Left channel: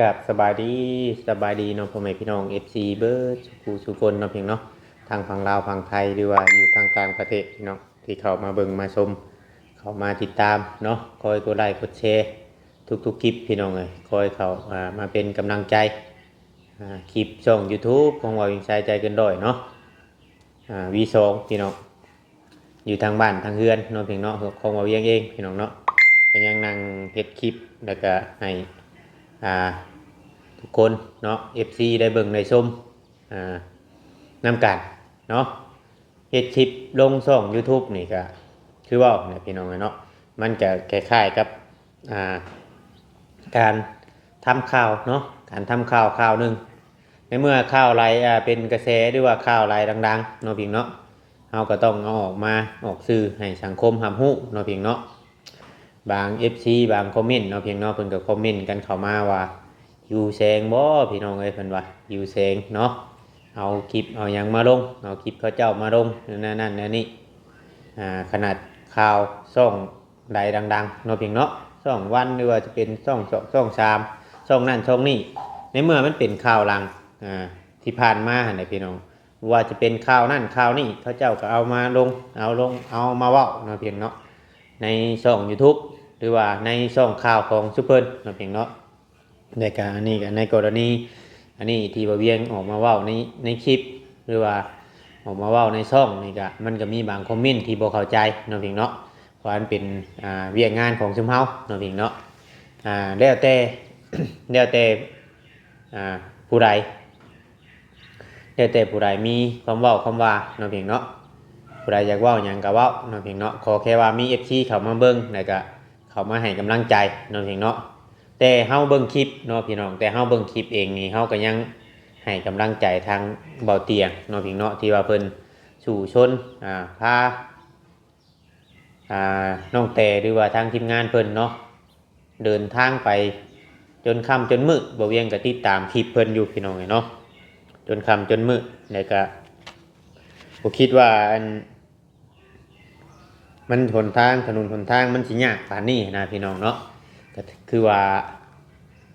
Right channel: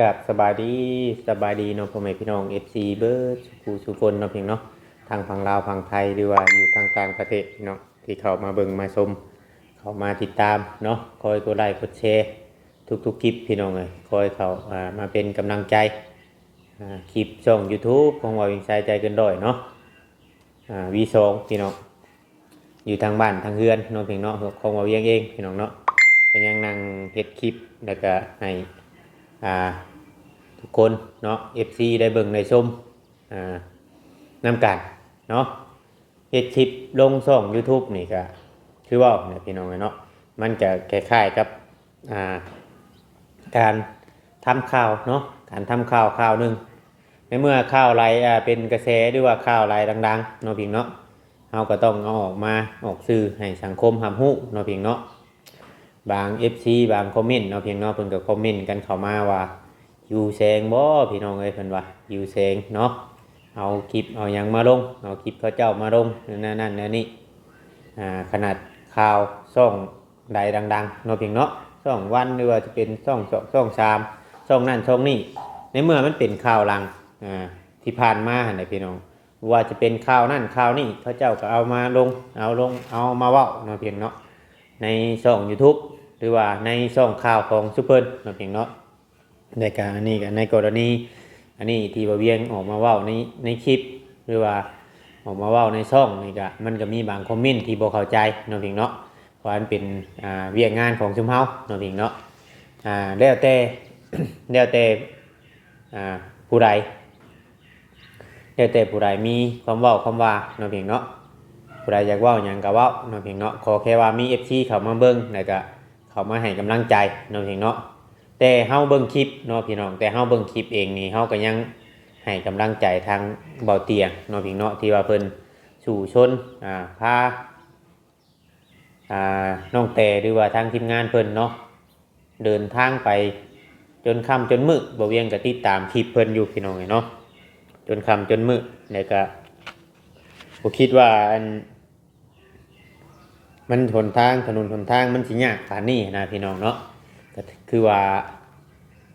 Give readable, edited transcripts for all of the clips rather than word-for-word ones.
กับสบายดีเนาะพ่อแม่พี่น้อง FC เบิร์ดสุคนเนาะเพียงเนาะทางฝั่งลาวฝั่งไทยหรือว่าอยู่ทางต่างประเทศพี่น้องที่เข้ามาเบิ่งมาชมเข้ามาติดตามเนาะคอยกดไลค์กดแชร์ทุกคลิปพี่น้องเลยคอยเขามาเป็นกำลังใจคลิปช่อง YouTube ของว่าวิงชายใจเกินร้อยเนาะV2พี่น้องอยู่ทางบ้านทางเฮือนเนาะเพียงเนาะของว่าเวียงเองพี่น้องเนาะก็ยังนั่งเฮ็ดคลิปแล้วก็ให้ทุกคนเนาะ FC ได้เบิ่งได้ชมนำกันเนาะเฮ็ดคลิปลงช่อง YouTube นี่ก็คือว่าเนี่ยพี่น้องเนาะมันจะคล้ายๆกับการทำข่าวเนาะการทำข่าวหนึงในเมื่อข่าวอะไรเป็นกระแสหรือว่าข่าวอะไรดังๆเนาะพี่เนาะเฮาก็ต้องเอาออกมาออกสื่อให้สังคมรับรู้เนาะพี่เนาะบาง FC บางคอมเมนต์เนาะพี่เนาะเพิ่นก็คอมเมนต์กันเข้ามาว่าอยู่แสงบ่พี่น้องเอ้ยเพิ่นว่าอยู่แสงเนาะเอาคลิปเอาหยังมาลงเอาคลิปเขาเจ้ามาลงนั่นนี่ขนาดข่าวช่องใดดังๆเนาะพี่เนาะช่องวันหรือว่าจะเป็นช่อง3ช่องนั่นช่องนี้ในเมื่อมันเป็นข่าวลังที่ผ่านมาหั่นน่ะพี่น้องว่าจะเป็นข่าวนั่นข่าวนี้เขาเจ้าก็เอามาลงเอามาเว้าเนาะพี่เนาะในช่อง YouTube หรือว่าในช่องข่าวของซุปเปอร์เนาะพี่เนาะในการนี้กับในกรณีอันนี้ที่บ่าเวียงออกมาเว้าในคลิปหรือว่าออกมาเว้าในช่องนี่ก็มันก็มีบางคอมเมนต์ที่บ่เข้าใจเนาะพี่เนาะเพราะมันเป็นเวียกงานของซุมเฮาเนาะพี่เนาะแล้วแต่ แล้วแต่ผู้ใดแล้วแต่ผู้ใดมีความเว้าความว่าเนาะพี่เนาะผู้ใดอยากเว้าหยังก็เว้าเนาะพี่เนาะขอแค่ว่ามี FC เข้ามาเบิ่งแล้วก็เข้ามาให้กำลังใจเนาะพี่เนาะแต่เฮาเบิ่งคลิปเนาะพี่น้องแต่เฮาเบิ่งคลิปเองนี่เฮาก็ยังให้กำลังใจทางเบาเตียงเนาะพี่เนาะที่ว่าเพิ่นสู่ชนพาน้องแต่หรือว่าทางทีมงานเพิ่นเนาะเดินทางไปจนค่ำจนมืดบ่เวียงก็ติดตามคลิปเพิ่นอยู่พี่น้องเนาะจนค่ำจนมืดแล้วก็บ่คิดว่ามันถนนทางมันสิยากปานนี้นะพี่น้องเนาะก็คือว่า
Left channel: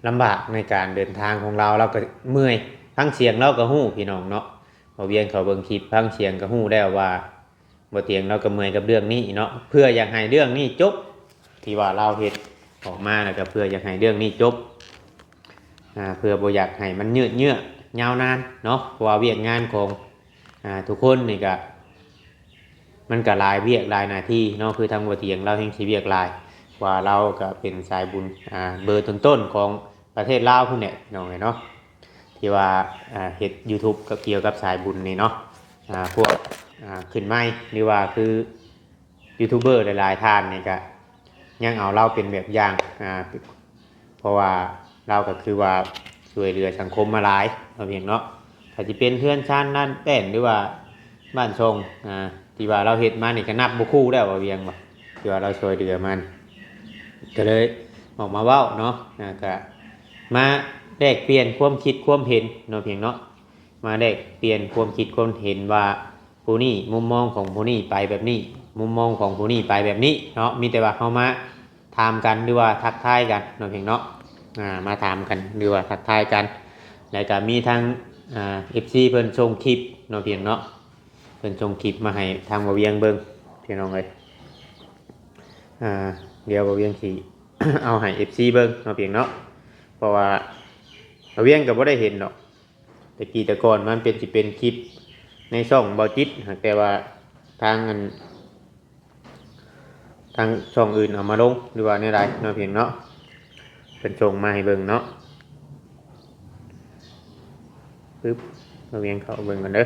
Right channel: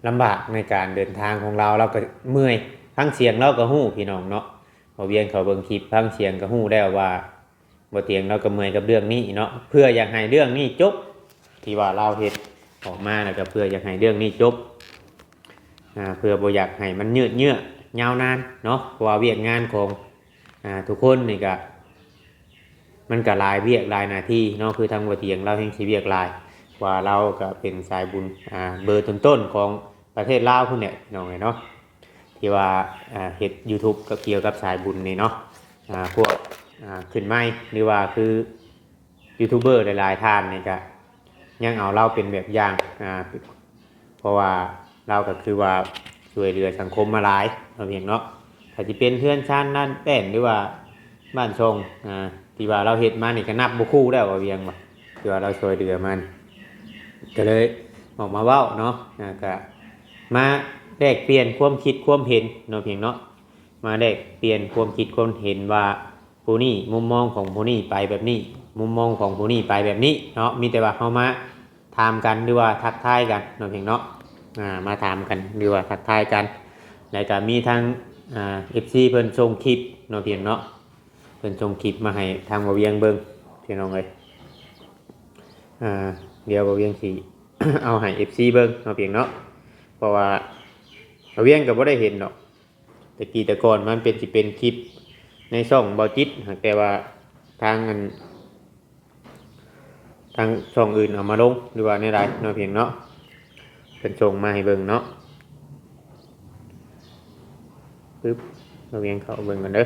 ลำบากในการเดินทางของเราก็เมื่อยฟังเสียงเราก็ฮู้พี่น้องเนาะพอเวียงเขาเบิ่งคลิปฟังเสียงก็ฮู้แล้วว่าบ่เตียงเราก็เมื่อยกับเรื่องนี้เนาะเพื่ออยากให้เรื่องนี้จบที่ว่าเราเฮ็ดออกมาแล้วก็เพื่ออยากให้เรื่องนี้จบเพื่อบ่อยากให้มันยืดเยื้อยาวนานเนาะเพราะว่าเวียกงานของทุกคนนี่ก็มันก็หลายเวียกหลายหน้าที่เนาะคือทางบ่เตียงเราแห่งสิเวียกหลายว่าเราก็เป็นสายบุญเบอร์ต้นๆของประเทศลาวพุ่นเนี่ยน้องเนาะที่ว่าเฮ็ด YouTube ก็เกี่ยวกับสายบุญนี่เนาะพวกขึ้นไม้หรือว่าคือยูทูบเบอร์หลายๆท่านนี่ก็ยังเอาเราเป็นแบบอย่างเพราะว่าเราก็คือว่าช่วยเหลือสังคมมาหลายเราเพียงเนาะถ้าสิเป็นเพื่อนชาตินั่นแป้นหรือว่าบ้านชงที่ว่าเราเฮ็ดมานี่ก็นับบ่คู่แล้วว่าเวียงว่าที่ว่าเราช่วยเหลือมันก็เลยออกมาเว้าเนาะก็มาแลกเปลี่ยนความคิดความเห็นเนาะเพียงเนาะมาแลกเปลี่ยนความคิดความเห็นว่าผู้นี้มุมมองของผู้นี้ไปแบบนี้มุมมองของผู้นี้ไปแบบนี้เนาะมีแต่ว่าเฮามาถามกันหรือว่าทักทายกันเนาะเพียงเนาะมาถามกันหรือว่าทักทายกันแล้วก็มีทางFC เพิ่นส่งคลิปเนาะเพียงเนาะเพิ่นส่งคลิปมาให้ทางบ่เวียงเบิ่งพี่น้องเอ้ยเดี๋ยวบ่เวียงสิ เอาให้ FC เบิ่งเนาะเพียงเนาะเพราะว่าบ่เวียงก็บ่ได้เห็นดอกแต่ก่อนมันเป็นสิเป็นคลิปในช่องเบาจิตแต่ว่าทางช่องอื่นเอามาลงหรือว่าในใดเนาะเพียงเนาะเป็นส่งมาให้เบิ่งเนาะปึ๊บบ่เวียงเข้าเบิ่งกันเด้อ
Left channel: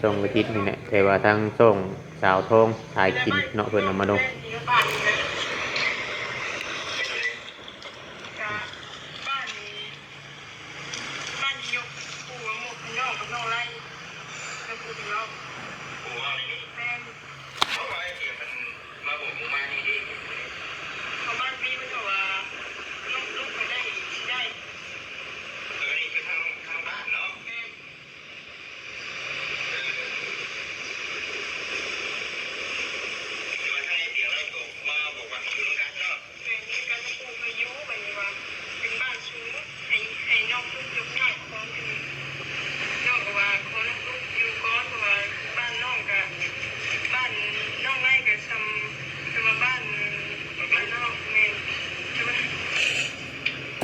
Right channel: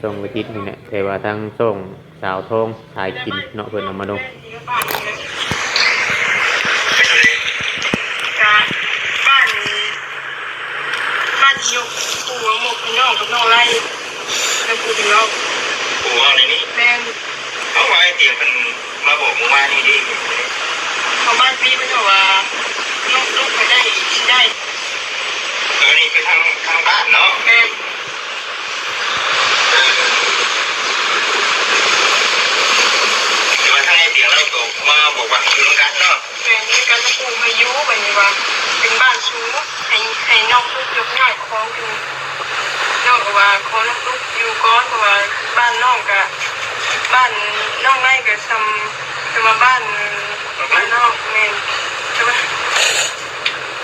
ช่องเบาจิตนี่แหละแต่ว่าทางช่องสาวทองถ่ายกินเนาะเพิ่นเอามาลงยกปูหมกน้องกับน้องไล่แล้วปูถึงเราปูเอาในนี้แม่เขาว่าไอ้เตียงมันมาบอกหมู่บ้านนี่ดิเขาบ้านพี่มันบอกว่าลูกไปได้นี่คือทางบ้านเนาะแม่คือว่าทางไอ้เตียงเราตกมาบอกว่าอยู่ตรงกันเนาะแม่นี่กันปูพายุแบบนี้ว่า เป็นบ้านสูงให้น้องลูกยกย่อยของอยู่น้องก็ว่าขอน้องลูกอยู่ก่อนเพราะว่าบ้านน้องกับบ้านน้องไร่กับแต่ว่าบ้านน้องแม่ใช่ไหม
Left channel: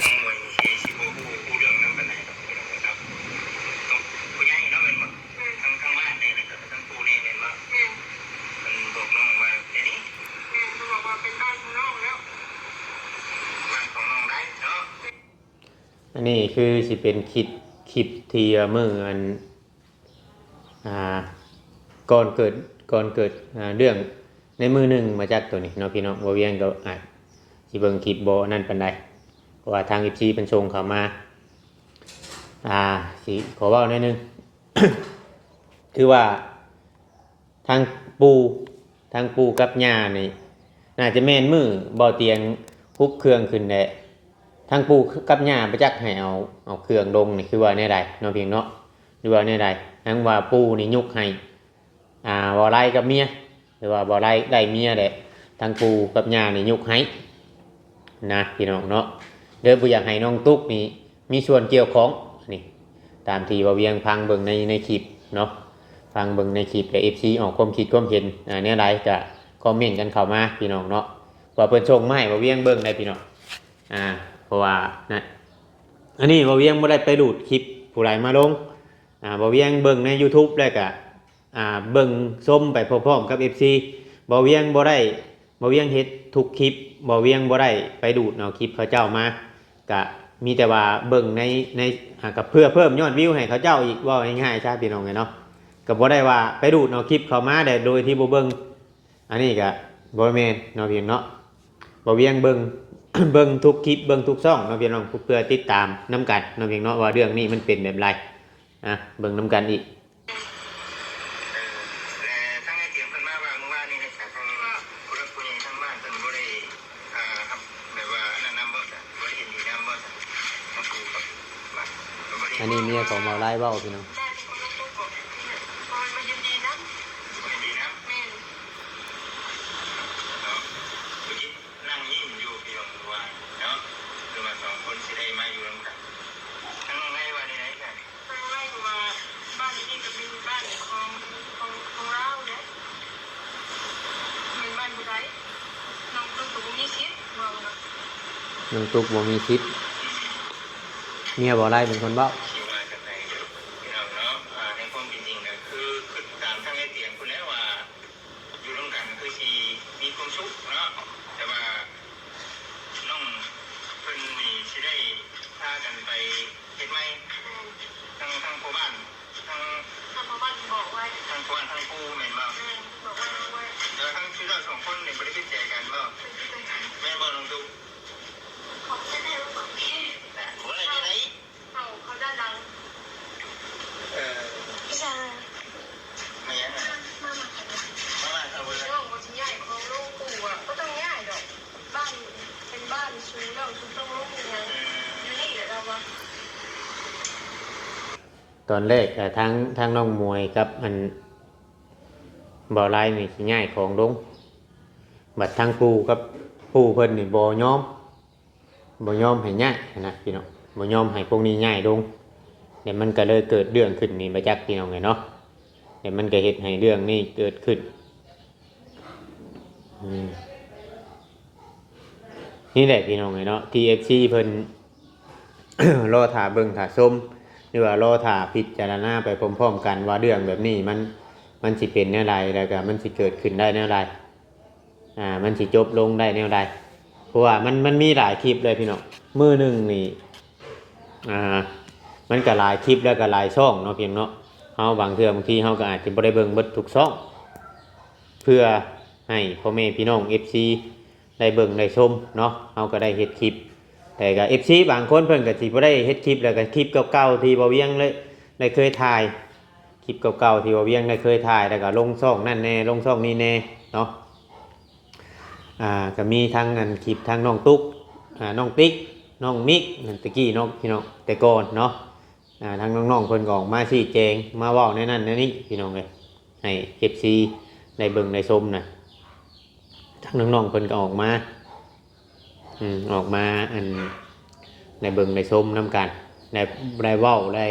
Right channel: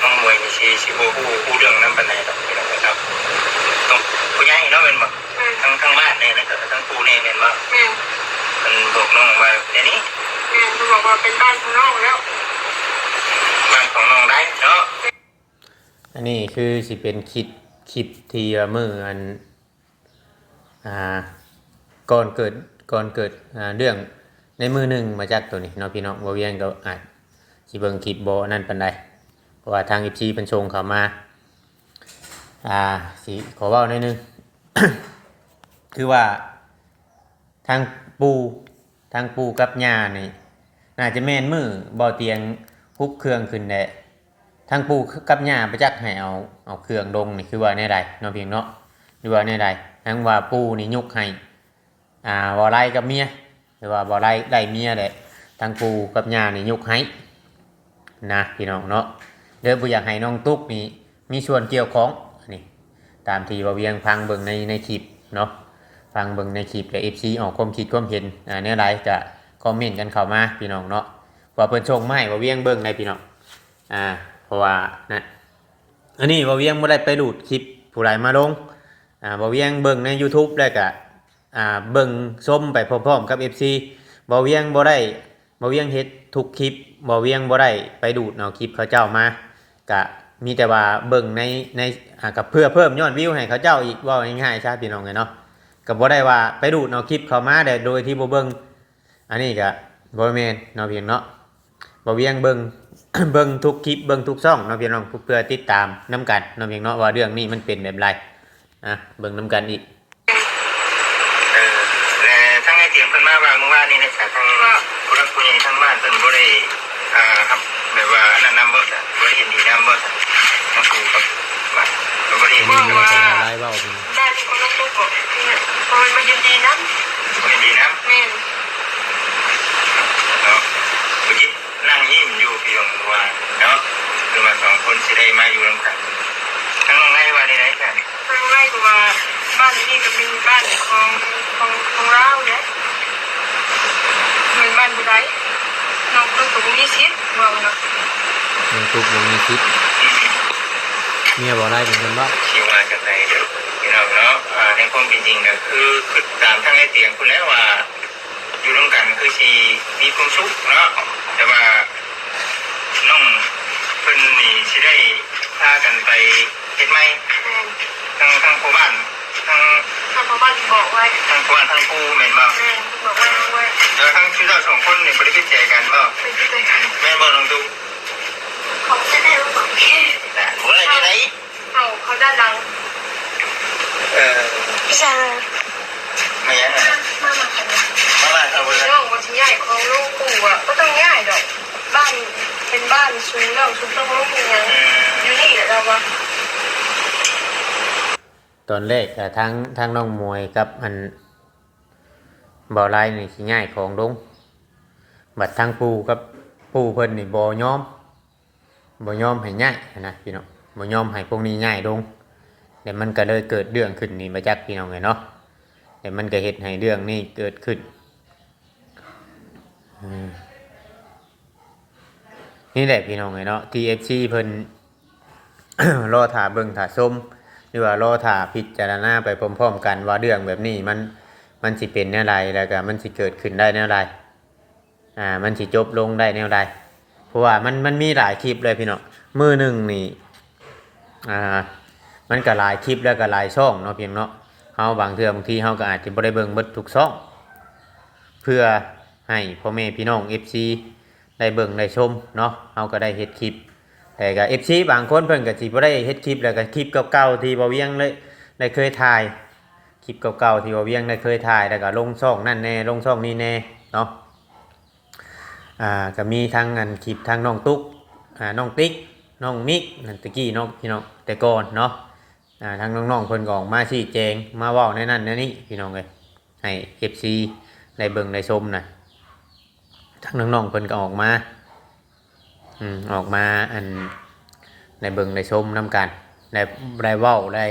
น้องมวยมีชีผู้เรื่องนั้นเป็นไงครับพี่น้องครับต้องผู้ใหญ่เนาะเป็นแบบทั้งบ้านเนี่ยนะครับทั้งครูเนี่ยเป็นว่ามันบอกน้องว่าเดี๋ยวนี้มันบอกว่าเป็นบ้านของน้องแล้วบ้านของน้องได้เนาะอันนี้คือสิเป็นคลิปที่เมื่ออันก่อนเกิดเรื่องในมือหนึ่งมาจากตัวนี้เนาะพี่น้องบ่เวียงก็อาจสิเบิ่งคลิปบ่นั่นปานใดเพราะว่าทาง FC เพิ่นส่งเข้ามาสิขอเว้าหน่อยนึง คือว่าทางปูกับย่านี่น่าจะแม่นมือบ่เตียงฮุบเครื่องขึ้นแหละทางปูกับย่าไปจักให้เอาเครื่องลงนี่คือว่าแนวใดเนาะพี่เนาะหรือว่าแนวใดทั้งว่าปูนี่ยกให้บ่ไล่กับเมียหรือว่าบ่ไล่เมียแหละทางปูกับย่านี่ยกให้นะพี่น้องเนาะเด้อบ่อยากให้น้องตุ๊กนี่มีส่วนเกี่ยวข้องนี่ตามที่บ่เวียงพังเบิ่งในคลิปเนาะฟังเบิ่งในคลิปและ FC ออกความคิดความเห็นแนวใดก็คอมเมนต์กันเข้ามาพี่น้องเนาะว่าเพิ่นชมมาให้บ่เวียงเบิ่งได้พี่น้องเพราะว่านะอันนี้บ่เวียงบ่ได้ไปดูดคลิปผู้ใดมาลงบ่เวียงเบิ่งใน YouTube แล้วก็เบิ่งชมไปพร้อมๆกับ FC บ่เวียงเฮ็ดทุกคลิปบ่เวียงบ่ได้ไปดูดเอาคลิปเขาเจ้ามาก็มีแต่ว่าเบิ่งในกับเพื่อเพิ่มยอดวิวให้เขาเจ้าอีกว่าง่ายๆใช่พี่น้องเนาะก็บ่ได้ว่าไปดูดเอาคลิปเขามาได้โดยที่บ่เบิ่งอันนี้ก็บ่แม่นเนาะพี่น้องเนาะบ่เวียงเบิ่ง เบิ่งทุกคลิปเบิ่งทุกช่องเนาะพี่น้องเพื่อติดตามน้ำกันเนาะพี่น้องว่าเรื่องนี้มันเป็นแบบไรเบิ่งน้ำกันอีกทั้งไอเตียงเพิ่นมาว่าเมื่อวานนี้นะครับทั้งผู้รักผู้ใหญ่ทั้งบ้านเพิ่นบ่ได้ครับแบบว่านั่นนำบ่บ่ได้เห็นดีนำบ่ทั้งครูกับบ้านบ่ได้เห็นดีนำได้ที่คนต้องบอกเพราะมันมายินดีนำยินดีนำแม่นเนาะผู้หญิงนั่งยิ้มอยู่พี่น้องว่าเนาะคือว่า2คนสิได้มาอยู่นำกันทั้งน้องไร่ว่าได้ไหนกันทั้งไร่ก็ว่าบ้านนี้ก็เป็นบ้านของเราเนี่ยเหมือนบ้านผู้ใดน้องตุ๊กก็บ่มีสิทธิ์ว่าเนาะน้องตุ๊กบ่มีสิทธิ์เมียบ่ได้เหมือนกันบ่สิว่าจังไดเด้อพี่น้องเนาะในความเป็นจริงก็คือตามทางไอ้เตียงพุ่นแล้วว่าอยู่ร่วมกันคือสิมีความสุขเนาะแต่ว่าน้องเพิ่นนี่สิได้พากันไปเฮ็ดใหม่ทั้งพ่อบ้านทั้งพ่อบ้านบอกไว้ทั้งพ่อบ้านทั้งปู่แม่นบ่บอกไว้แล้วทั้งชื่อเจ้าสองคนนี่บ่ได้คิดใจกันบ่คิดใจกันแม่นบ่น้องตุ๊กเขาจะได้รู้บ่แต่บ่ได้ที่ไหนเขาด้านหลังพี่ชายไม่ยังมาครับเรื่องวันที่ใหญ่ของลูกปู่อ่ะก็ต้องง่ายดอกบ้านเป็นบ้านสูงแล้วสูงต้องลูกยังอยู่นี่แหละเราวะตอนแรกทางน้องมวยกับอันบ่อไล่นี่สิง่ายของลงบัดทางปูกับปูเพิ่นนี่บ่ยอมให้ง่ายนะพี่น้องบ่ยอมให้พวกนี้ง่ายลงเดี๋ยวมันก็เลยเกิดเรื่องขึ้นนี่มาจากพี่น้องไงเนาะเดี๋ยวมันก็เฮ็ดให้เรื่องนี้เกิดขึ้นนี่แหละพี่น้องไงเนาะ TFC เพิ่น รอถ่าเบิ่งถ่าชมหรือว่ารอถ่าพิจารณาไปพร้อมๆกันว่าเรื่องแบบนี้มันสิเป็นแนวใดแล้วก็มันสิเกิดขึ้นได้แนวใดมันสิจบลงได้แนวใดเพราะว่ามันมีหลายคลิปเลยพี่น้องมื้อนึงนี่มันก็หลายคลิปแล้วก็หลายช่องเนาะพี่น้องเนาะเฮาบางทีเฮาก็อาจจะบ่ได้เบิ่งเบิดทุกช่องเพื่อให้พ่อแม่พี่น้อง FC ได้เบิ่งได้ชมเนาะเฮาก็ได้เฮ็ดคลิปแต่ก็ FC บางคนเพิ่นก็สิบ่ได้เฮ็ดคลิปแล้วก็คลิปเก่าๆที่บ่เวียงเลยได้เคยถ่ายคลิปเก่าๆที่บ่เวียงได้เคยถ่ายแล้วก็ลงช่องนั่นแน่ลงช่องนี้แน่เนาะก็มีทั้งอันคลิปทั้งน้องตุ๊กน้องติ๊กน้องนิกนั่นตะกี้น้องพี่น้องแต่ก่อนเนาะทั้งน้องๆเพิ่นก็ออกมาชี้แจงมาเว้าในนั้นในนี้พี่น้องเอ้ยให้ FC ได้เบิ่งได้ชมน่ะทั้งน้องๆเพิ่นก็ออกมาอัน ในเบิ่งในชมน้ำกันได้เว้าได้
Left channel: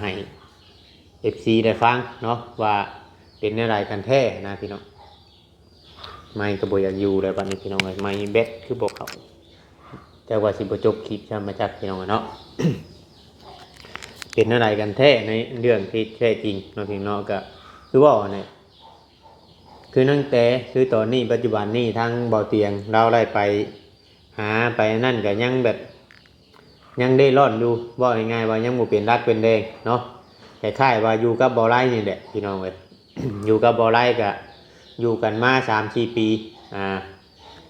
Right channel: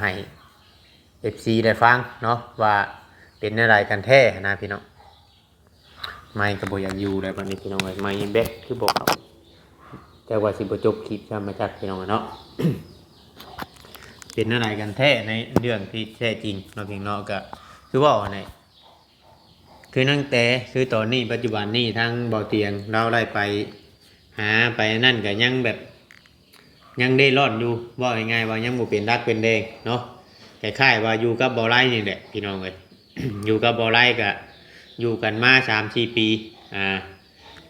ให้ FC ได้ฟังเนาะว่าเป็นอะไรกันแท้นะพี่น้องไม่ก็บ่อยากอยู่เลยบางทีพี่น้องไม่เบ็ดคือบอกเขาแต่ว่าสิบ่จบคลิปจะมาจากพี่น้องเนาะ เป็นอะไรกันแท้ในเรื่องที่แท้จริงเนาะพี่น้องก็คือว่าเนี่ยคือนั่งแต่คือตอนนี้ปัจจุบันนี้ทั้งบ่อเตียงเราได้ไปหาไปนั่นก็ยังแบบยังได้ร่อนอยู่ว่าง่ายๆว่ายังบ่เป็นรักเป็นแดงเนาะแต่ค่ายว่าอยู่กับบ่อไร่นี่แหละพี่น้องเอ้ย อยู่กับบ่อไร่ก็อยู่กันมา 3-4 ปี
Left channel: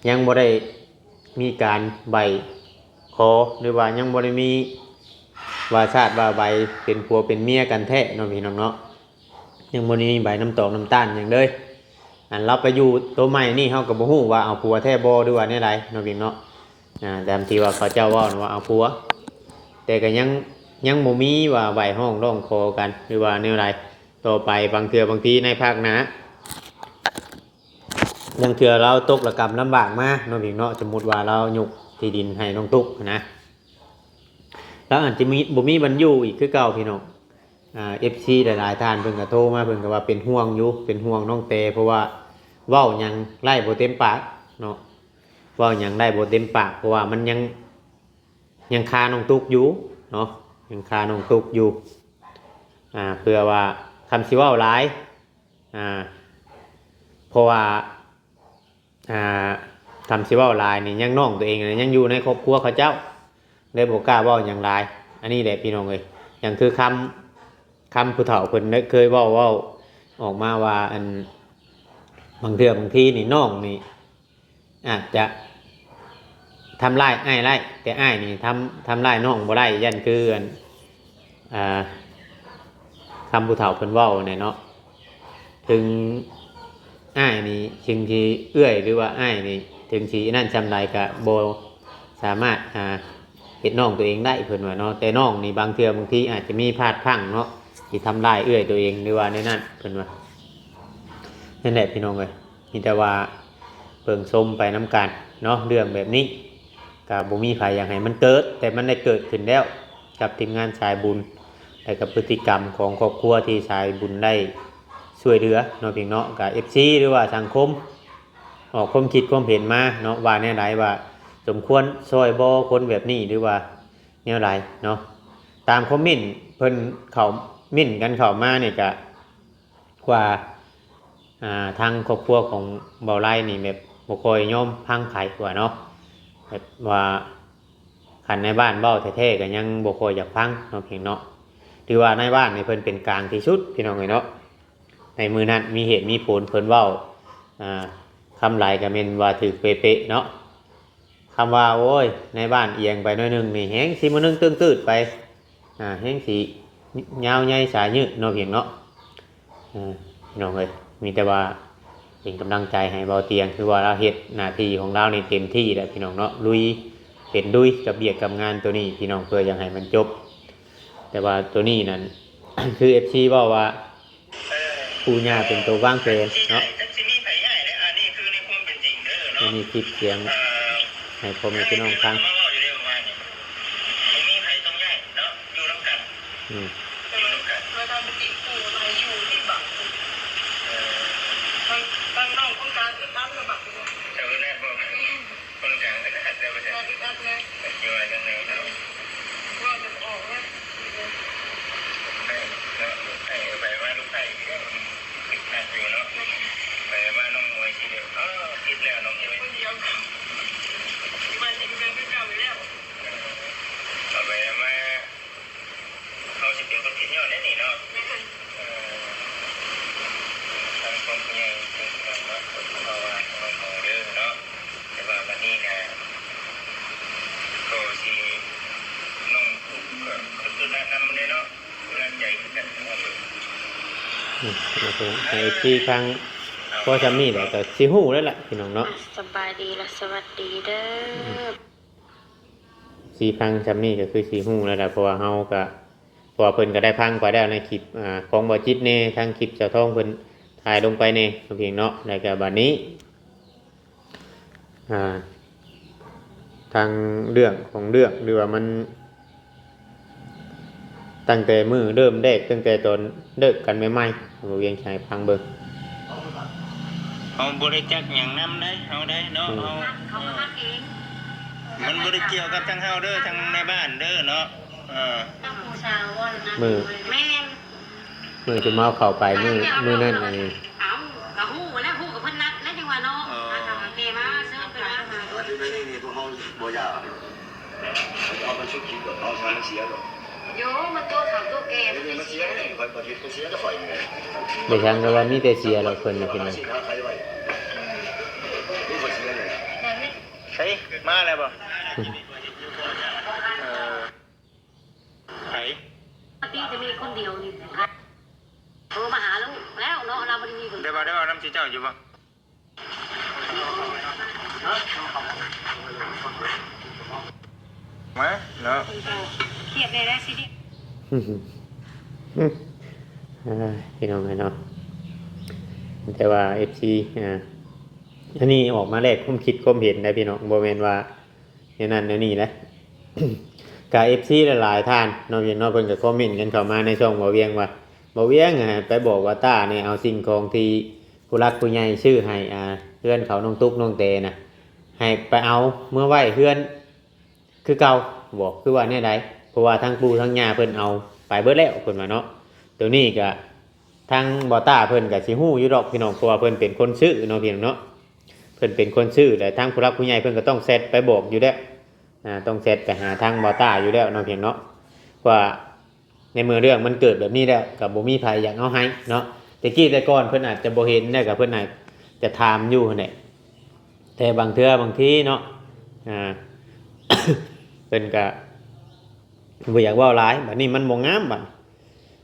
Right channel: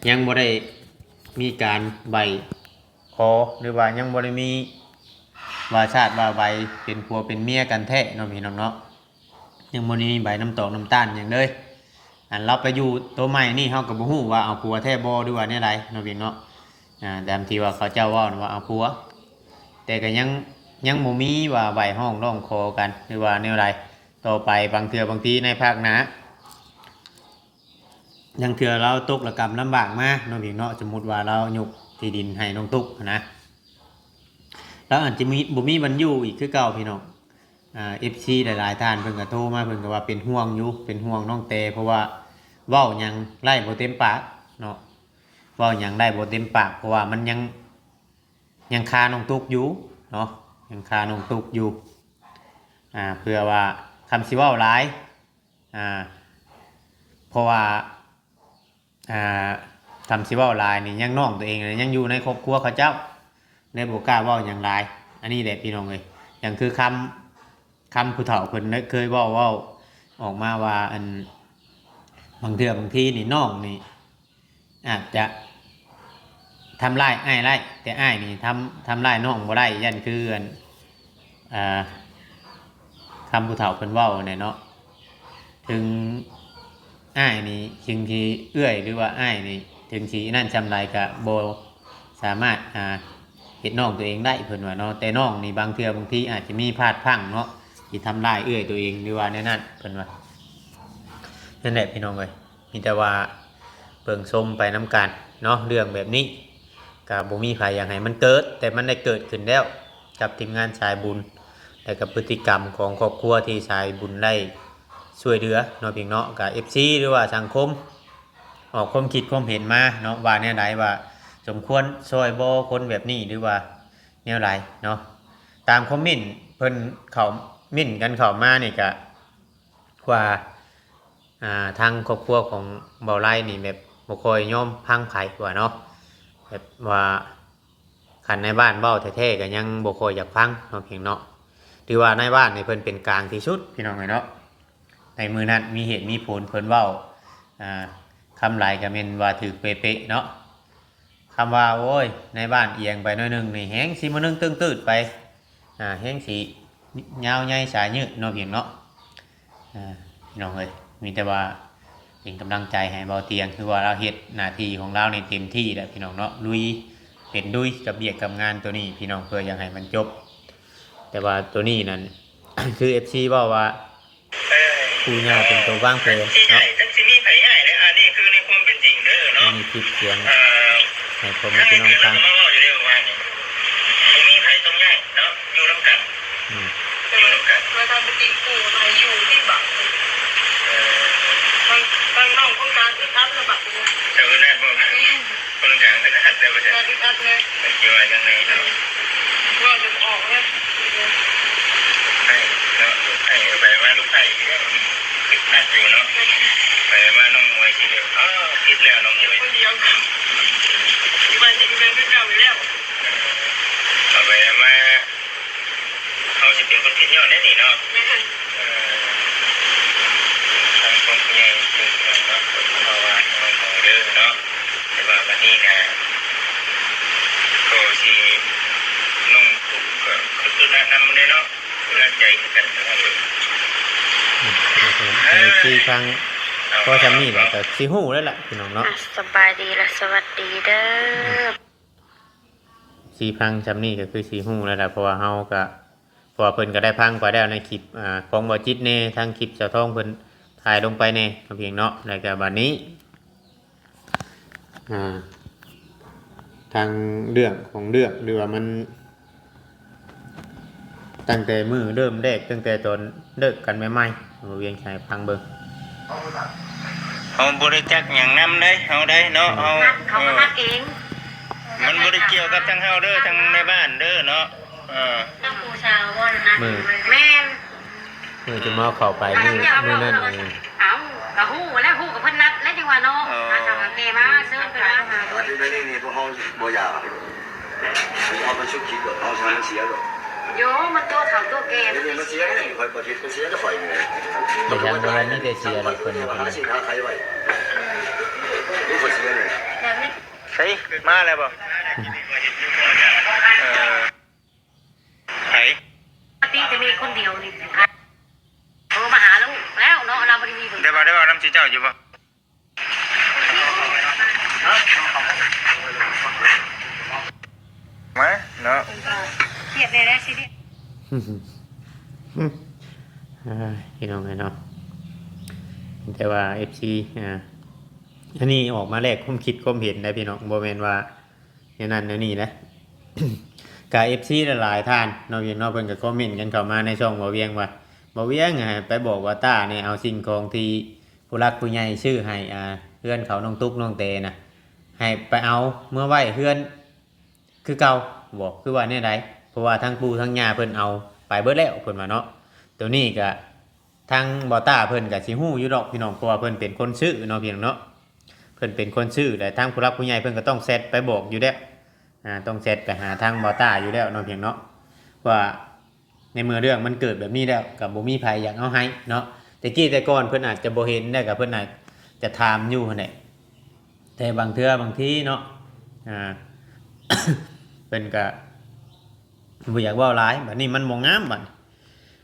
ยังบ่ได้มีการใบขอหรือว่ายังบ่ได้มีว่าชาติว่าใบเป็นผัวเป็นเมียกันแท้เนาะพี่น้องเนาะยังบ่ได้มีใบน้ำตอกน้ำตาลหยังเลยเราไปอยู่ตัวใหม่นี่เฮาก็บ่ฮู้ว่าเอาผัวแท้บ่หรือว่าแนวใดเนาะพี่เนาะแต่ที่ว่าเขาเจ้าว่าเอาผัวแต่ก็ยังบ่มีว่าใบห้องร้องขอกันหรือว่าแนวใดต่อไปบางทีในภาคหน้ายังเถื่อเราตกระกรรมลำบากมากเนาะพี่เนาะสมมุติว่าเรายกที่ดินให้น้องตุ๊กนะแล้วอาจจะมีบ่มีบรรยุอีกคือเก่าพี่น้องFC หลายๆท่านเพิ่นก็โทรมาเพิ่นก็ว่าเป็นห่วงอยู่เป็นห่วงน้องเตเพราะว่าเว้ายังไล่บ่เต็มปากเนาะเว้ายังได้บ่เต็มปากเพราะว่ามันยังคาน้องตุ๊กอยู่เนาะยังคาน้องตุ๊กอยู่เพื่อว่าคำสิเว้าหลายเพราะว่าทำสิเว้าหลายนี่ยังน้องตัวเองยังอยู่ในครอบครัวเขาเจ้าเลยบ่กล้าเว้าหยังหลายอันนี้แหละพี่น้องเอ้ยอย่างคือคำผู้เฒ่าเพิ่นเคยเว้าออกมาว่าอันบางทีนี่น้องนี่อาจจะทำร้ายอ้ายได้แต่อ้ายนี่ทำร้ายน้องบ่ได้ยันคือคำผู้เฒ่าเพิ่นเว้าเนี่ยเนาะถึงอ้ายนี่ถึงที่เอื้อยหรือว่าอ้ายนี่ถึงที่นั่นจำไรก็บ่สามารถเฮ็ดน้องตัวเองได้เพิ่นว่าเนาะแต่น้องนี่บางทีอาจจะมีพลาดพลั้งเนาะที่ทำได้เอื้อยตัวเองหรือว่าในนั้นเพิ่นว่านั่นแหละพี่น้องเอ้ยมีแต่ว่าเบิ่งชมไปน้ำกันเนาะเรื่องแบบนี้ก็บ่มีไผอยากให้มันเกิดแต่มันได้เกิดขึ้นแล้วกับทีมงานสายบุญและกับพฤติกรรมของครอบครัวที่สายบุญได้ช่วยเหลือเนาะพี่เนาะกับ FC หรือว่าสังคมออกความคิดความเห็นมาเนาะว่าแนวใดว่าสมควรช่วยบ่คนแบบนี้หรือว่าแนวใดเนาะตามคอมเมนต์เพิ่นเขาเม่นกันเข้ามานี่ก็ว่าทางครอบครัวของเบาไร่นี่แบบบ่ค่อยยอมพังไผว่าเนาะแบบว่าคันในบ้านเว้าแท้ๆก็ยังบ่ค่อยอยากฟังเนาะเพียงเนาะที่ว่าในบ้านนี่เพิ่นเป็นกลางที่สุดพี่น้องเอ้ยเนาะในมือนั้นมีเหตุมีผลเพิ่นเว้าคำหลายก็แม่นว่าถูกเป๊ะๆเนาะคำว่าโอ้ยในบ้านเอียงไปหน่อยนึงนี่แฮงสิมื้อนึงตื้อๆไปแฮงสิยาวใหญ่สายยืดเนาะเพียงเนาะพี่น้องเอ้ยมีแต่ว่าเป็นกำลังใจให้เบาเตียงคือว่าเราเฮ็ดหน้าที่ของเรานี่เต็มที่แล้วพี่น้องเนาะลุยเป็นดุยกับเบียดกับงานตัวนี้พี่น้องเพื่ออยากให้มันจบแต่ว่าตัวนี้นั่น คือ FC ว่าปูญาเป็นตัวว่างเปลเนาะอันนี้คลิปเสียงให้พ่อแม่พี่น้องฟังมาทำเป็นตีกูมาอยู่ที่บักทางน้องคนกลางติดอัดระบาดเลยเจ้าแรกบอกคนกลางติดอัดแต่ว่าจะติดอัดเลยไม่คิดว่ายังไงเนาะว่าจะออกเลยให้ไปว่าลูกไผ่ติดอัดอยู่เนาะไปว่าน้องมวยทีเดียวคิดแล้วน้องมวยคนเดียวที่บ้านจะเป็นเจ้าไปแล้วเอาไปมาเขาจะเป็นคนที่ยอดแน่นี่เนาะทางกองใหญ่เป็นเนาะเพราะว่าน้องของเดิมเนาะแต่ว่าวันนี้นะก็ที่น้องถูกก็คือแนะนำเลยเนาะกำลังใจกันนะครับไอ้ที่ทางก็จำนี่แหละแต่ซีหูแล้วแหละพี่น้องเนาะสบายดีและสวัสดีเด้อซีพังจำนี่ก็คือซีหูแล้วแหละเพราะว่าเฮาก็พอเพิ่นก็ได้พังไปแล้วในคลิปของบ่จิตเน่ทางคลิปเจ้าทองเพิ่นถ่ายลงไปเน่เพียงเนาะแล้วก็บัดนี้ ทางเรื่องของเรื่องหรือว่ามันตั้งแต่มือเริ่มแรกตั้งแต่ตอนเลิกกันใหม่ๆบ่เวียงชัยพังเบิ่ง เขาบริจาคอย่างนำได้เขาได้เนาะเอา เขาก็นัดเอง มันบริเกี่ยวกับทั้งเฮาเด้อทั้งในบ้านเด้อเนาะน้ำปูสาวว่านัดแม่น มือจะมาเข้าไปมือนั่นเอง เอาละฮู้แล้วฮู้กับเพิ่นนัดแล้วจังว่าเนาะมาทำเกมาเซิร์ฟไปแล้วมา 我这边那年不好，没呀，我们手机的，好像是写的， โยมันตัวเขาตัวแก่ 你们写的，快过去不写的坏的， บ่ทางว่าเรามีแต่เสียเราเพิ่นน่ะ 我 เพิ่น 拿 น่ะ 其他开外，你不写的， แบบนี้ ใช่มาแล้วบ่ไผ ตีจะมีคนเดียวนี่โทรมาหาลูกแล้วเนาะเราบ่ได้มี ได้บ่น้ำสิเจ้าอยู่บ่มาเนาะ เครียดได้แล้วสิดิ พี่น้องไงเนาะแต่ว่า FC อันนี้ออกมาแรกความคิดความเห็นนะพี่น้องบ่แม่นว่าอย่างนั้นอย่างนี้นะ กา FC หลายๆท่านเนาะอย่างเนาะเพิ่นก็คอมเมนต์กันเข้ามาในช่องบ่เวียงว่าบ่เวียงไปบอกว่าต้าเนี่ยเอาสิ่งของที่ผู้รักผู้ใหญ่ชื่อให้เพื่อนเขาน้องตุ๊กน้องเตนะให้ไปเอาเมื่อไหว้เพื่อนคือเก่าบอกคือว่าแน่ไหนเพราะว่าทั้งปู่ทั้งย่าเพิ่นเอาไปเบิดแล้วเพิ่นว่าเนาะตัวนี้ก็ทางบ่ต้าเพิ่นก็สิฮู้อยู่ดอกพี่น้องเพราะว่าเพิ่นเป็นคนชื่อเนาะพี่น้องเนาะเพิ่นเป็นคนชื่อแต่ทางผู้รักผู้ใหญ่เพิ่นก็ต้องเซตไปบอกอยู่แล้วต้องเซตไปหาทางบ่ต้าอยู่แล้วเนาะพี่น้องเนาะว่าในเมื่อเรื่องมันเกิดแบบนี้แล้วก็บ่มีไผอยากเอาให้เนาะแต่กี้แต่ก่อนเพิ่นอาจจะบ่เห็นนะก็เพิ่นอาจจะถามอยู่นั่นแหละแต่บางเทื่อบางทีเนาะเพิ่นก็บ่อยากเว้าหลายบัดนี้มันบ่งามบัด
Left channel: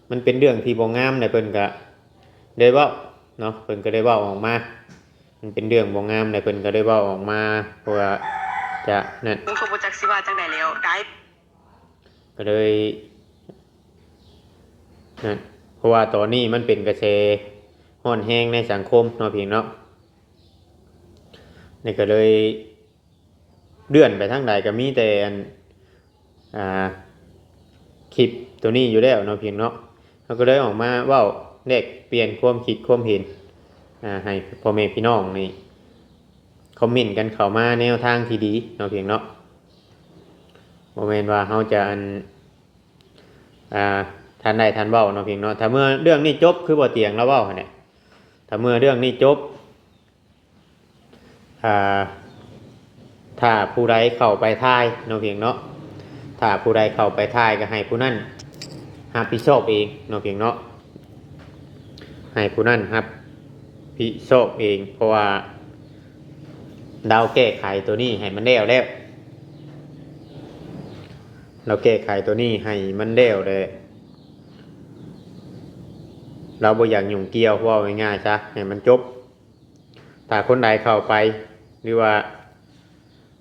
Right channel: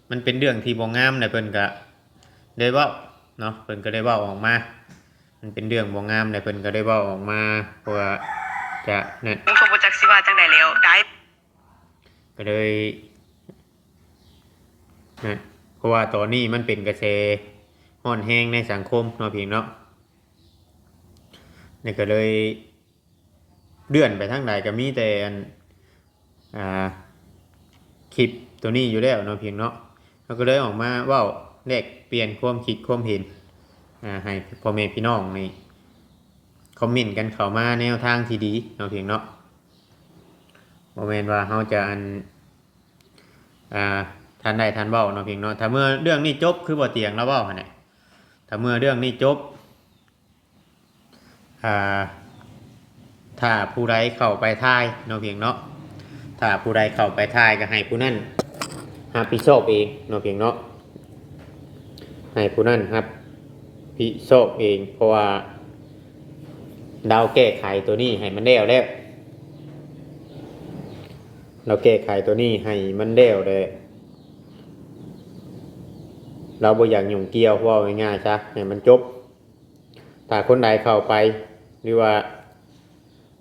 มันเป็นเรื่องที่บ่งามเนี่ยเพิ่นก็ได้เว้าเนาะเพิ่นก็ได้เว้าออกมามันเป็นเรื่องบ่งามเนี่ยเพิ่นก็ได้เว้าออกมาเพราะว่าจะนั่น เขาบ่จักสิว่าจังได๋แล้วได้ ก็เลยนั่นเพราะว่าตอนนี้มันเป็นกระแสฮ้อนแห้งในสังคมเนาะพี่เนาะนี่ก็เลยเลื่อนไปทางใดก็มีแต่คลิปตัวนี้อยู่แล้วเนาะพี่เนาะเราก็เลยออกมาเว้าแลกเปลี่ยนความคิดความเห็นให้พ่อแม่พี่น้องนี่คอมเมนต์กันเข้ามาแนวทางที่ดีเนาะพี่เนาะบ่แม่นว่าเฮาจะทันได้ทันเว้าเนาะพี่เนาะถ้าเมื่อเรื่องนี้จบคือบ่เตียงแล้วเว้าหั่นแหละถ้าเมื่อเรื่องนี้จบถ้าผู้ใดเข้าไปทายเนาะพี่เนาะถ้าผู้ใดเข้าไปทายก็ให้ผู้นั้นรับผิดชอบเองเนาะพี่เนาะให้ผู้นั้นรับผิดชอบเองเพราะว่าดาวแก้ไขตัวนี้ให้มันแล้วเราแก้ไขตัวนี้ให้มันแล้วเลยเราบ่อยากยุ่งเกี่ยวว่าง่ายๆซะให้มันจบถ้าคนใดเข้าไปหรือว่า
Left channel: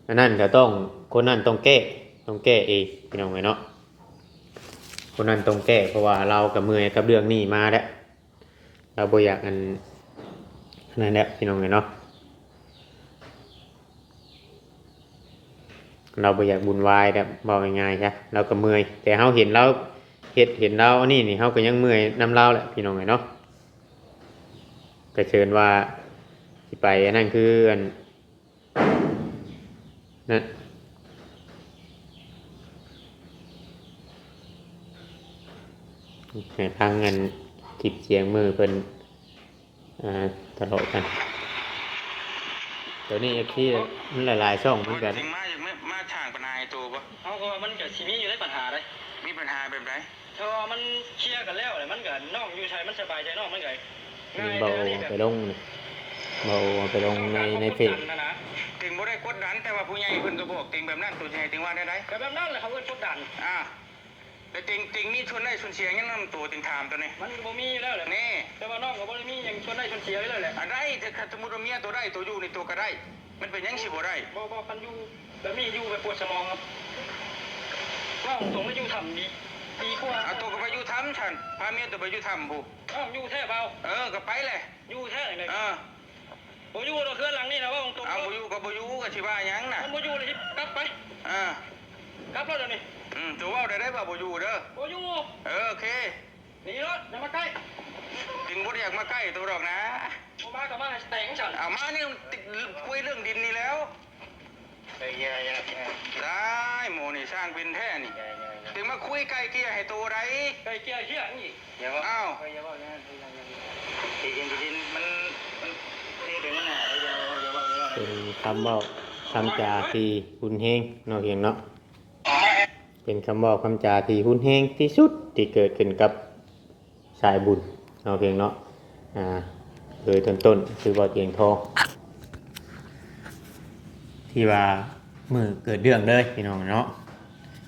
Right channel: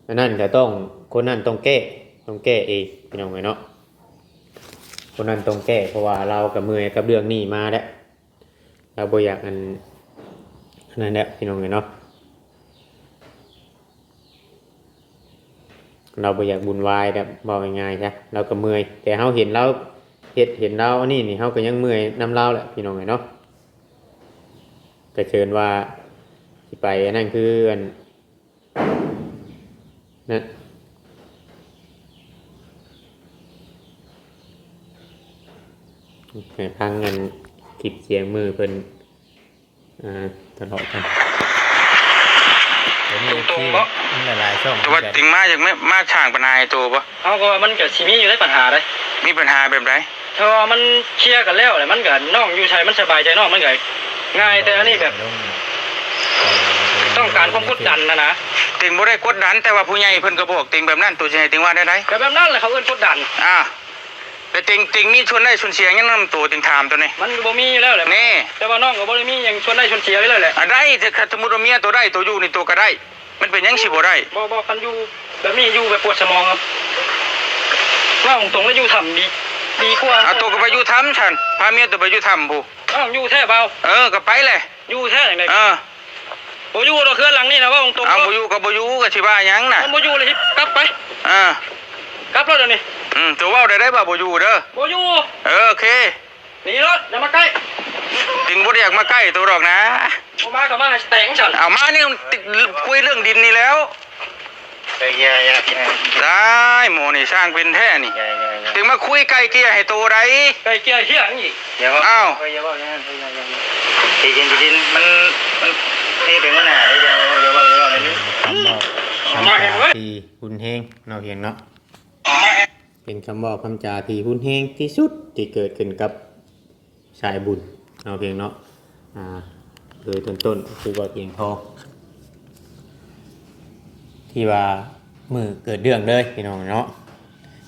อันนั้นจะต้องคนนั้นต้องแก้เองพี่น้องเนาะคนนั้นต้องแก้เพราะว่าเรากับเมื่อยกับเรื่องนี้มาแล้วเราบ่อยากอันนั้นแหละพี่น้องเนาะเราบ่อยากบุญวายแบบบอกง่ายๆใช่เราก็เมื่อยแต่เฮาเห็นเราเห็นเราอันนี้เฮาก็ยังเมื่อยนำเราแหละพี่น้องเนาะก็เชิญว่าสิไปอันนั้นคืออันนั่นทางเงินคลิปเสียงมือเพิ่นตลอดกันนี่หลายช่อง ตัวติงมาจากมาช่างปนายตัวปะ เอาก็ว่ามันก็สิมีอยู่ในปัญหาเลย มีปัญหาแบบไหน ถ้าว่ามันเคลียร์กันแล้วแหละมันก็น้องอยู่ชัยมันสบายใจน้องมันก็ง่ายแต่อันนี้แบบต้องการความกดดันนะ ติงบ่ได้กดดันแต่ว่าผู้ใหญ่เพิ่นก็บอกติงแบบนั้นตัวสิให้ติงว่าได้ได ก็แบบนั้นแหละเขาเอิ้นกดดัน แต่ติงมีชวนได้ชวนเสียยังนำตัวติงถามตัวนี้ มันบ่มีอยู่แล้วแหละ นี่ แต่ว่าน้องก็บ่ได้มีหยังชวนได้ชวนเสียไว้เลยแหละ ได้ถ้าสมมุติว่าเมียตัวได้ตัวอยู่นี่ตัวก็ได้ มันเป็นยังสิบ่ได้ บ่คันอยู่แบบนี้อยู่แบบปวดสมองครับว่าตรงๆแล้วอยู่ทำดีกว่า เอาตัวก็ไปอยู่ทำฉันพาเมียตัวไปอยู่ทำผู้ อยู่แท้เบา ก็ไปเลย อยู่แท้จังได๋ บ บ่อยู่ดอกเฮือนหลังนี่นะว่าตรงๆ เอาบ่อยู่ก็บ่อยู่ก็สิว่าหยังน่ะ มันบ่อยู่เลยกลับไป กลับแล้วเดี๋ยวนี้ ตัวเว้าได้บ่บ่อยู่เด้อ บ่อยู่ โอเค หนีรถอย่ามาใกล้ ถึงบ่ได้อยากมาใกล้ตัวดอกนะ บ่มาก็มาให้แต่งฉัน เอามานี่ติดคุยเรื่องดินนี่แล้วได้หมอนี่สร้างเป็นแท้นี่ถึงมาคุยไกลเกลี่ยให้ตัวใด ไก่เกลียเหี้ยอีก อ้าว ที่ดินมันเทเป็นหน้าได้ยังอย่าว่าเลยนี่ คำบอกคำจาที่หุ่นแห้งเนาะเพียงเนาะเป็นคำบอกคำจาที่หุ่นแห้งที่สุดที่เกิดขึ้นกับสายบุญเนาะเพียงเนาะโดยต้นคือว่าเพียงทองที่ว่ามือเกิดเรื่องเลยพี่น้องเนาะ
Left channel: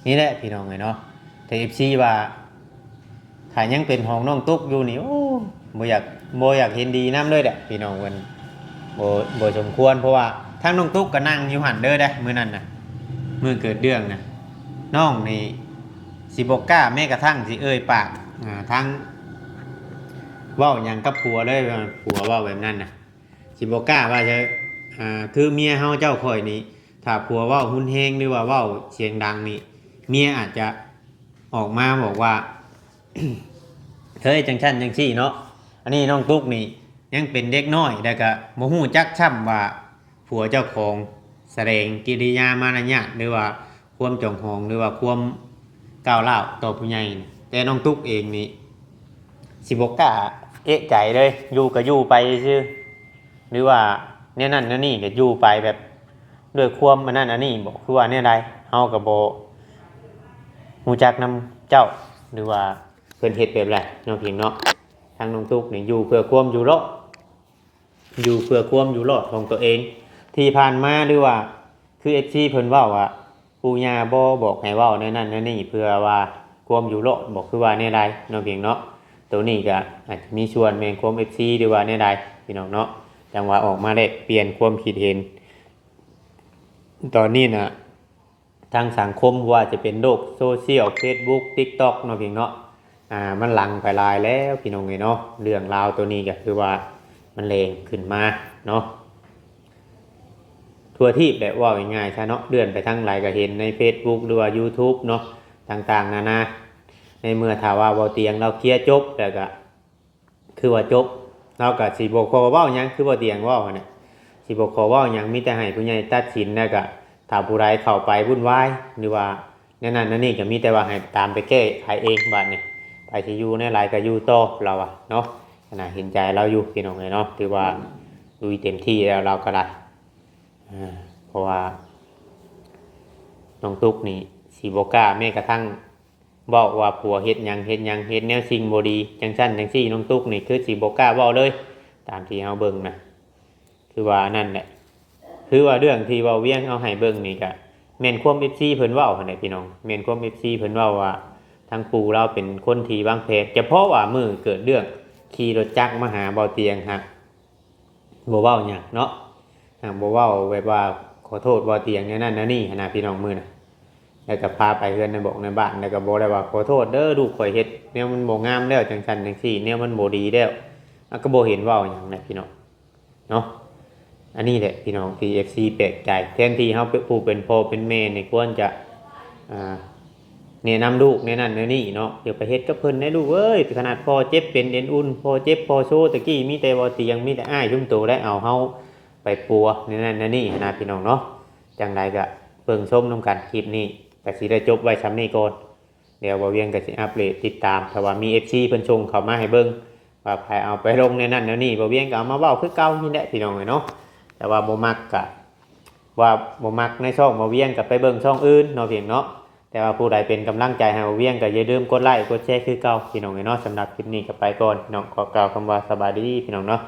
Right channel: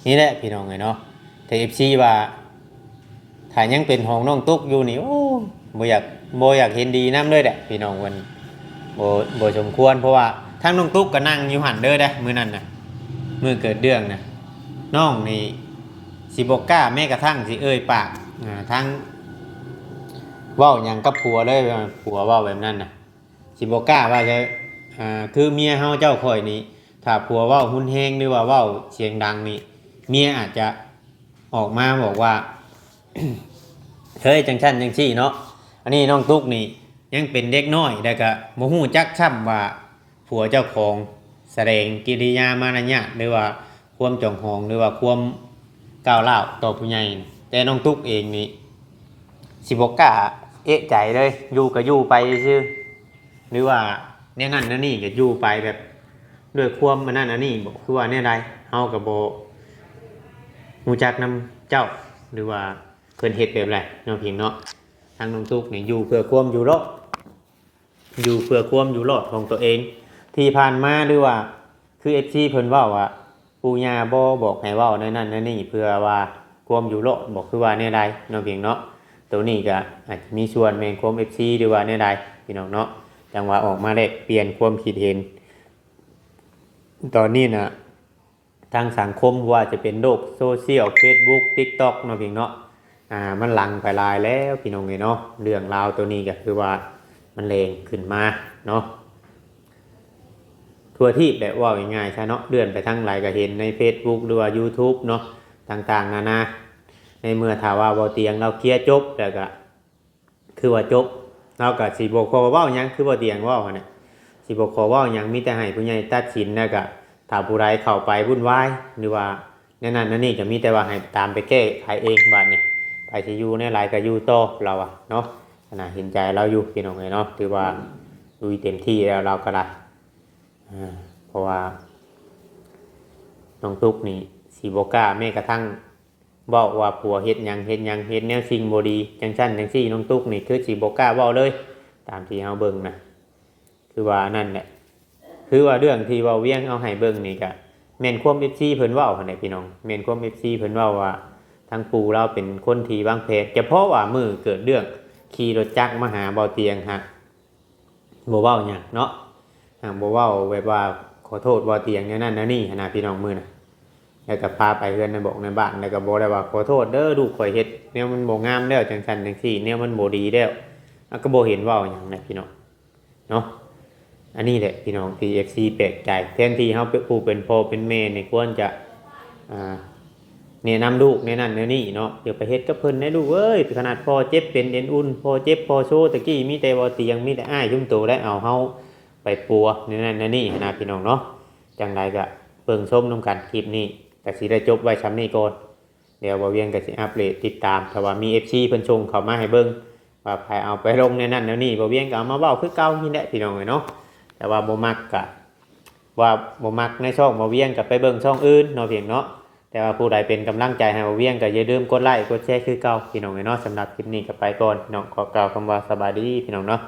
นี่แหละพี่น้องเลยเนาะแต่เอฟซีว่าถ้ายังเป็นห้องน้องตุ๊กอยู่นี่โอ้บ่อยากเห็นดีน้ำเลยแหละพี่น้องวันบ่สมควรเพราะว่าทั้งน้องตุ๊กก็นั่งอยู่หันเด้อได้มื้อนั้นน่ะมื้อเกิดเรื่องน่ะน้องนี่สิบ่กล้าแม้กระทั่งสิเอ่ยปากทั้งเว้าหยังกับผัวเลยผัวเว้าแบบนั้นน่ะสิบ่กล้าว่าจะคือเมียเฮาเจ้าข่อยนี่ถ้าผัวเว้าหุ่นแฮงหรือว่าเว้าเสียงดังนี่เมียอาจจะออกมาบอกว่า เฮ้ยจังชั้นจังซี่เนาะอันนี้น้องตุ๊กนี่ยังเป็นเด็กน้อยแต่ก็บ่ฮู้จักช่ำว่าผัวเจ้าของแสดงกิริยามารยาทหรือว่าความจองหองหรือว่าความก้าวร้าวต่อผู้ใหญ่แต่น้องตุ๊กเองนี่สิบ่กล้าเอะใจเลยอยู่ก็อยู่ไปซื่อหรือว่าเนี่ยนั่นนั่นนี่ก็อยู่ไปแบบด้วยความอันนั้นอันนี้บ่คือว่าแนวใดเฮาก็บ่ฮู้จักนำเจ้าหรือว่าเพิ่นเฮ็ดแบบไรเนาะพี่เนาะทางน้องตุ๊กนี่อยู่เพื่อความอยู่รอดอยู่เพื่อความอยู่รอดของตัวเองที่ผ่านมาหรือว่าคือ FC เพิ่นเว้าว่าปู่ย่าบ่บอกให้เว้าในนั้นในนี่เพื่อว่าความอยู่รอดบอกคือว่าแนวใดเนาะพี่เนาะตัวนี้ก็อาจจะมีส่วนแม่นความ FC หรือว่าแนวใดพี่น้องเนาะจังว่าออกมาได้เปลี่ยนความคิดเห็นตอนนี้น่ะทางสังคมว่าจะเป็นโลกโซเชียล Facebook TikTok เนาะพี่เนาะมันหลังไปลายแล้วพี่น้องเนาะเรื่องราวตัวนี้ก็คือว่ามันแรงขึ้นมาเนาะทั่วทีปแหละว่าง่ายๆใช่เนาะเลื่อนไปทั้งหลายก็เห็นใน Facebook หรือว่า YouTube เนาะต่างๆนานาในเมื่อถ้าว่าบ่เตียงเราเคลียร์จบแล้วก็คือว่าจบเราก็สิบ่ขอเว้าหยังคือบ่เตียงเว้าเนี่ยสิบ่ขอเว้าหยังมีแต่ให้ผู้ใหญ่ตัดสินแล้วก็ถ้าผู้ใดเข้าไปวุ่นวายหรือว่าแนั่นนั่นนี่ก็มีแต่ว่าให้ตามไปแก้ไขเองบัดนี้ไปสิอยู่ในหลายก็อยู่ต่อเราอะเนาะขณะเห็นใจเราอยู่พี่น้องเนาะถือว่าลุยเต็มที่แล้วเราก็ได้เพราะว่าน้องตุ๊กนี่สิบ่กล้าแม้กระทั่งบอกว่าผัวเฮ็ดหยังเฮ็ดแนวสิ่งบ่ดีจังซั่นจังซี่น้องตุ๊กนี่คือสิบ่กล้าเว้าเลยตามที่เฮาเบิ่งนะคือว่านั่นแหละคือว่าเรื่องที่เว้าเวียงเอาให้เบิ่งนี่ก็แม่นความ FC เพิ่นเว้าหั่นแหละพี่น้องแม่นความ FC เพิ่นเว้าว่าทางปู่เราเป็นคนที่วางแผนเฉพาะว่ามื้อเกิดเรื่องขี่รถจักรมาหาเบาเตียงฮะบ่เว้าหยังเนาะบ่เว้าแบบว่าขอโทษเบาเตียงนั่นนั่นนี่นะพี่น้องมื้อน่ะแล้วก็พาไปเฮือนในบอกในบ้านแล้วก็บ่ได้ว่าขอโทษเด้อลูกข่อยเฮ็ดแนวมันบ่งามแล้วจังซั่นจังซี่แนวมันบ่ดีแล้วก็บ่เห็นเว้าหยังนะพี่น้องเนาะอันนี้แหละพี่น้อง TFC แปลกใจแทนที่เฮาเป็นผู้เป็นพ่อเป็นแม่นี่ควรจะแนะนำลูกในนั้นในนี่เนาะเดี๋ยวไปเฮ็ดกับเพิ่นให้ลูกเอ้ยขนาดพ่อเจ็บเป็นเอ็นอุ่นพ่อเจ็บพ่อโซตะกี้มีแต่บ่เตียงมีแต่อ้ายชุมโตได้เอาเฮาไปปัวในนั้นในนี่นะพี่น้องเนาะจังไดก็เบิ่งชมนํกันคลิปนี้ก็สิได้จบไว้ซ้ำนี้ก่อนเดี๋ยวบ่เวียงก็สิอัปเดตติดตามถ้าว่ามี FC เพิ่นส่งเข้ามาให้เบิ่งว่าใครเอาไปลงในนั้นในนี่บ่เวียงก็เอามาเว้าคือเก่านี่แหละพี่น้องเนาะแต่ว่าบ่มักก็ว่าบ่มักในช่องบ่เวียงก็ไปเบิ่งช่องอื่นเนาะเพียงเนาะแต่ว่าผู้ใดเป็นกำลังใจให้บ่เวียงก็อย่าลืมกดไลค์กดแชร์คือเก่าพี่น้องเนาะสำหรับคลิปนี้ก็ไปก่อนน้องขอกล่าวคำว่าสบายดีพี่น้องเนาะ